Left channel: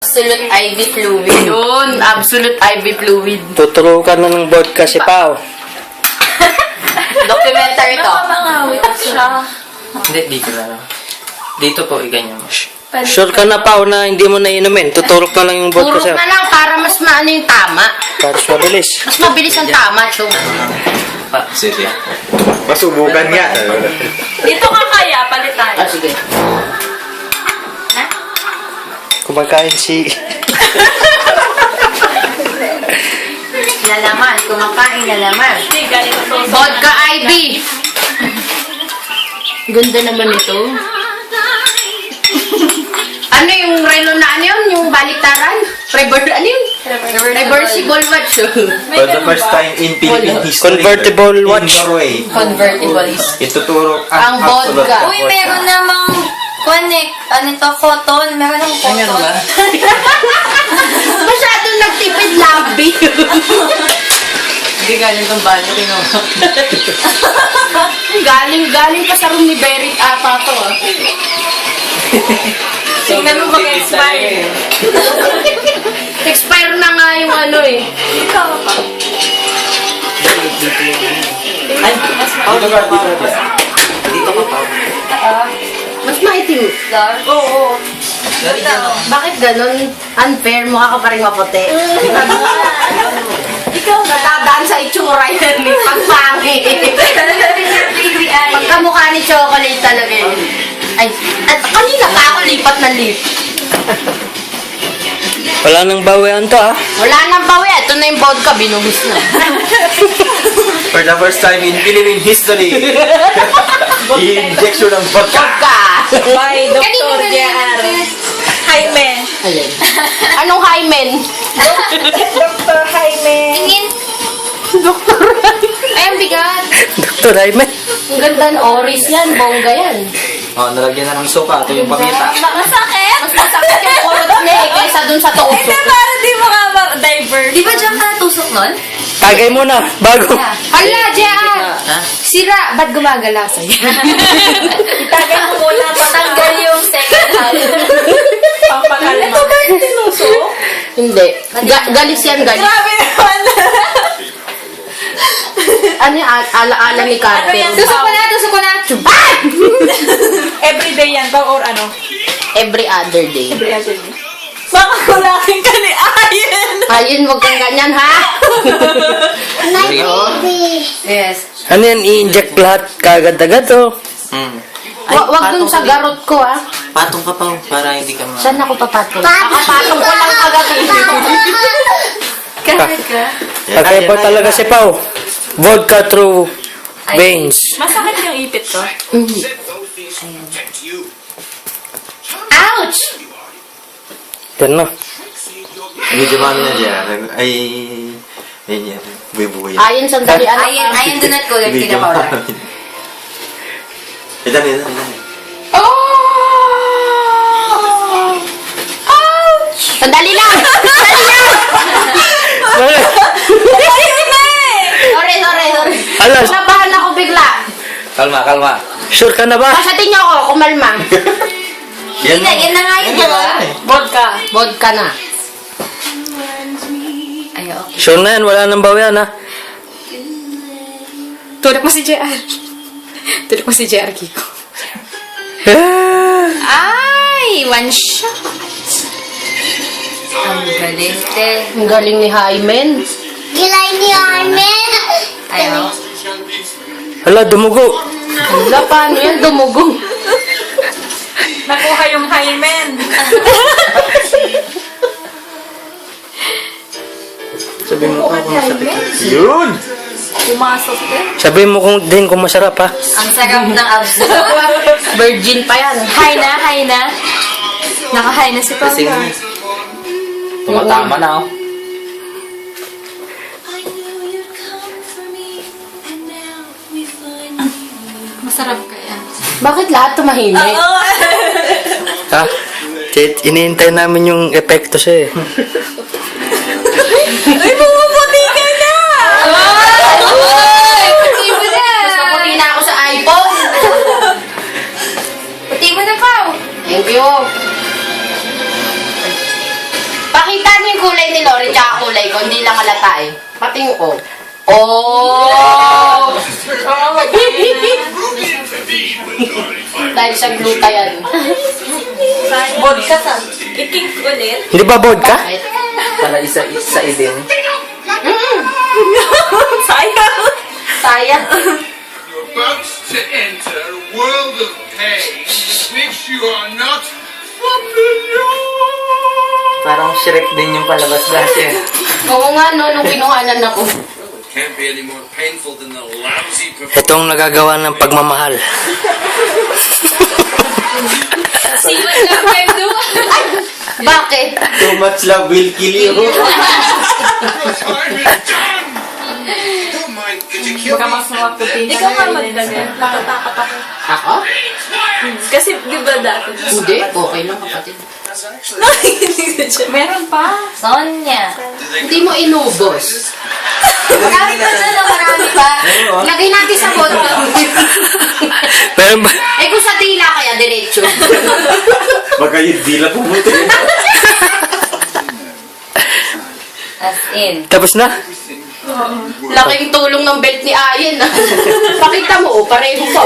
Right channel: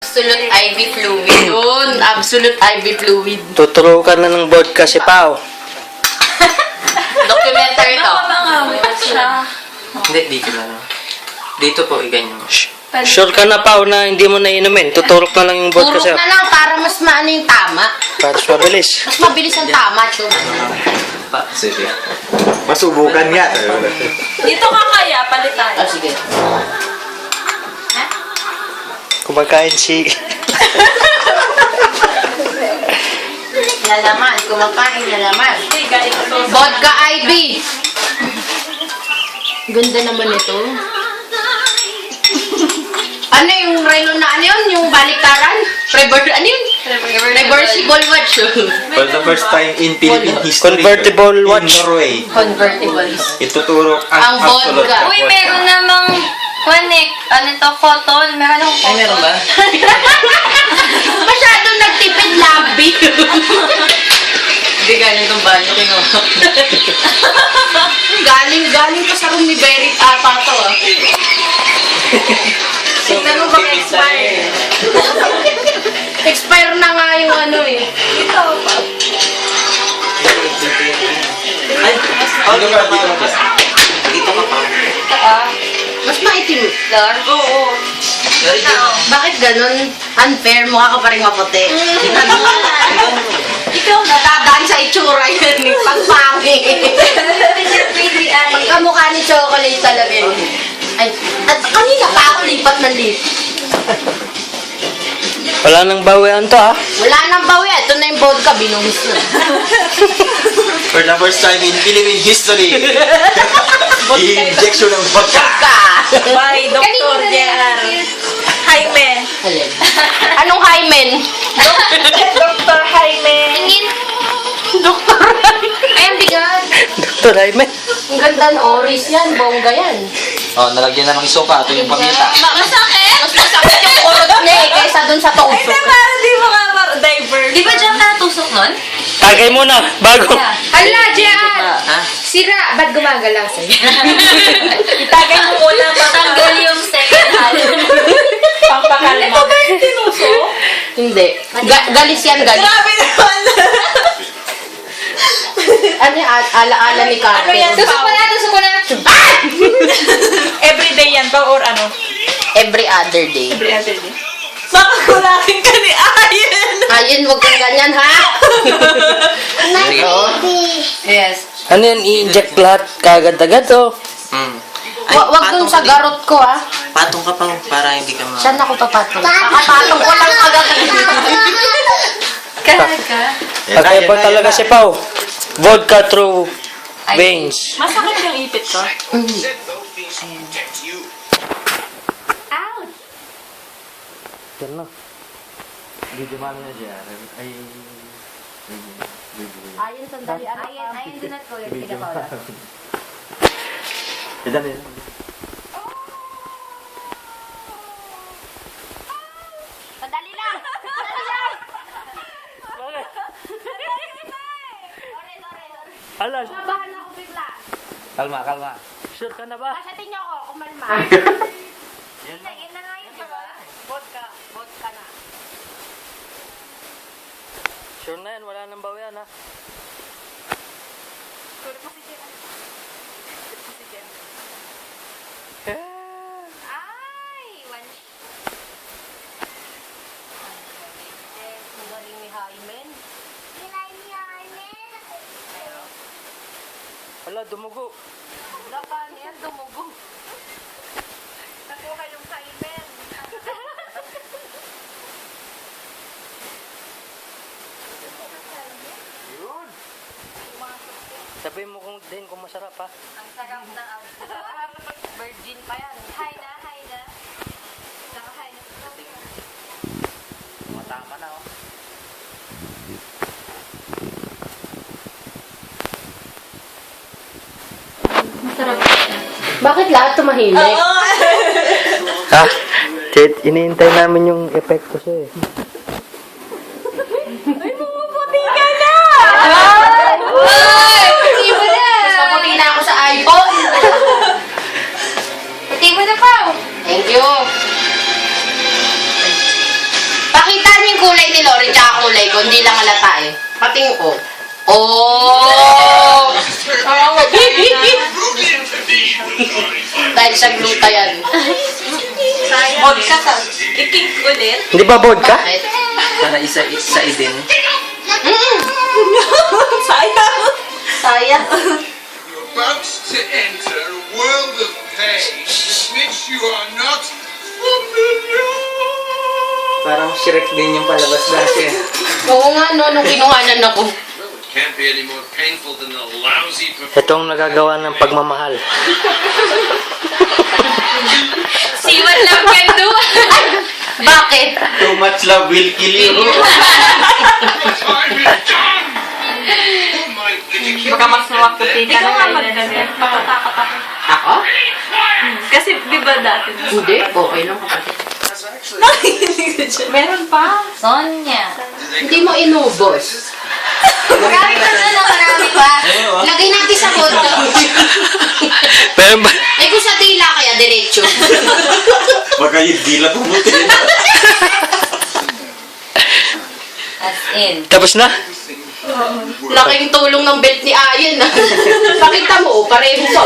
Absolute IV fluid. Yun, absolute IV fluid. Tuturo ka na ng vodka si Pao. Documentary to. Hindi, dito na lang. Dito po, iganyan mo. Sure ka na Pao na hindi mo na inumin. Tuturo ka na yung vodka Turok sa'yo. na lang para mas maano yung tama. Para sa release. Mas mabilis ang tama to. Sige. Masubukan nga. Dito ka kaya, palit tayo. Ah, sige. Kumakain si... Lalaman, kumakain lalaman. Hindi, galing ko to. Vodka IV. Ganda naman ito. Ano yung relo na ano yun? Yung baliktaran? Ano yun? Reversible watch. For the first time in Philippine history, Convertible in Norway, Convertible. ituturo Ang ang absolute vodka. na Uy, meron namang connect. Ano to? Cotton. Meron ng Ay, meron cotton. ba? Masyado nagtipid labi. Hindi galing kong budget mo. galing pa sa room ni Berit ata to. Tingnan mo mag-expire. Expire na nga yung ano eh. Ikaw pa. Ay, dito ka pa. Mas maitim. Dark? Oo. Bakit ganun? Unfair, mukha ka pa rin maputi. Ikaw na. Natadaan sa itsura yun eh. Pagpangit. Baby eye. Kamukha ni Chocolate talaga eh. Ay, at kanina pa ako lipat ng lip. Wala nang bawian to ha. Wala nang bawi. Ito na yung vodka. Binubis na. For the first time in Philippine history, i-injection ng vodka. Vodka. By Dr. J.R. Jaime. Alin? Anong hymen? Dr. Jaime. Tingin. Ay, ang bigat. Dr. Raymond. Ang ganda ng oris yan. Bongga yan. Oh, nalagyan na ng suka. Ito yung paminta. Masakit? Mas masakit yung kulot niya eh. Kaysa dun sa tuso. Hindi, parang di mo nga diaper. Di ba dyan ka tusok nun? Tagay mo na. Bago. Hala, JR! Sira, ba't gumagalaw sa'yo? Itagay mo muna, patanggal yung second hand. Pampakalma. Ito ba yung tinuso? Hindi. Galis yan, galis. Grabe naman. Ano yung ala-ala ni Carmen? Tusok ko na, tusok ko na. Everyday yan ba or ano? Every other day. Every other day. Nakakulakin ka ni Ayen! Ayun, huwag kang ganyan, ha? Yes. Ano yan? I-inject lahat kagad-agad oh. Wag dun sa garot ko, ha? Patong ka pa para hindi ka Saan ako papatong? Papatong ko lang Kaka. Kaya po talaga si Pao. Vodka through veins. Masakit yung ipit ko. Ouch! Yan na. Medyo mami na dyan. Ay, ayun yan. Buhay-buhay. Ayun, sandali. Ayen dunat ko yung kinakaula. Ito na, ito na. Oh! Ouch! Sandali lang! Sandali lang! Sorry. Alas, Nabahan ako bigla. Kalma, kalma. sure ka na ba? Pasatin niyo ako, kumalma. Yan Yan na nga yun, di ba? Vodka. Vodka na. Ay, okay. Sure na yan. Wala nang bawian ha. Tulog mo si JR. Tulog mo si JR, Kiko. Ay, one shot. Ang galing, te. Ang galing ni Hymen. Gilay ni Armen. Ayaw. Hala, dumugo. Wala, paano yan? Dumugong. Nakuha yung hymen. Sabi mo kung Yun! Pumasok, te. Sabi mo kung masarap ha. Ang sarap ng abs. Virgin pa yan. Hi na. Naka-hi na si Papa. Tumatama na oh. Masarap. Bakit lahat tumahimik? Ha? Iniintay namin yung epekto siya eh. Ay, bumubuti ka na! Ay! Sabuti na ako sa iPhone. Puti mo na, Pao. Thank you. ni Lori tsaka kulay ko, hindi lang halata eh. Pati yung ko. Oh! Dahil sa gluta yan. Vodka sa kikink ulit. Hindi ba vodka? Bakit? Para isa din. Sayang. Sayang. You're about to enter a world of pain which you are not familiar. Parang Shrek din yung palabas natin. Oo nga no, nung kinuhanan ako. Can't be any more painful than the lousy performance. Itong nagagawa ng pagmamahal. Siwan lang pwede. Bakit? Too much love will kill you. Your time is done. Oh my, did you kill me? Hindi ka nga magkasya. Matatakap ako. Ako? Kasi di ba dati? Hindi, okay lang kapatid. Meron pa. Sonia. Hindi mo inubos. Marami pa dyan, marami pa. Lagay natin sa kondo. Meron ba? Eh kung sa tila kaya, diretso. Baka yung dila pumuti. As in. Tapos na? Laking tulong ng belt ni Ayan. Nakita mo, pareho pa.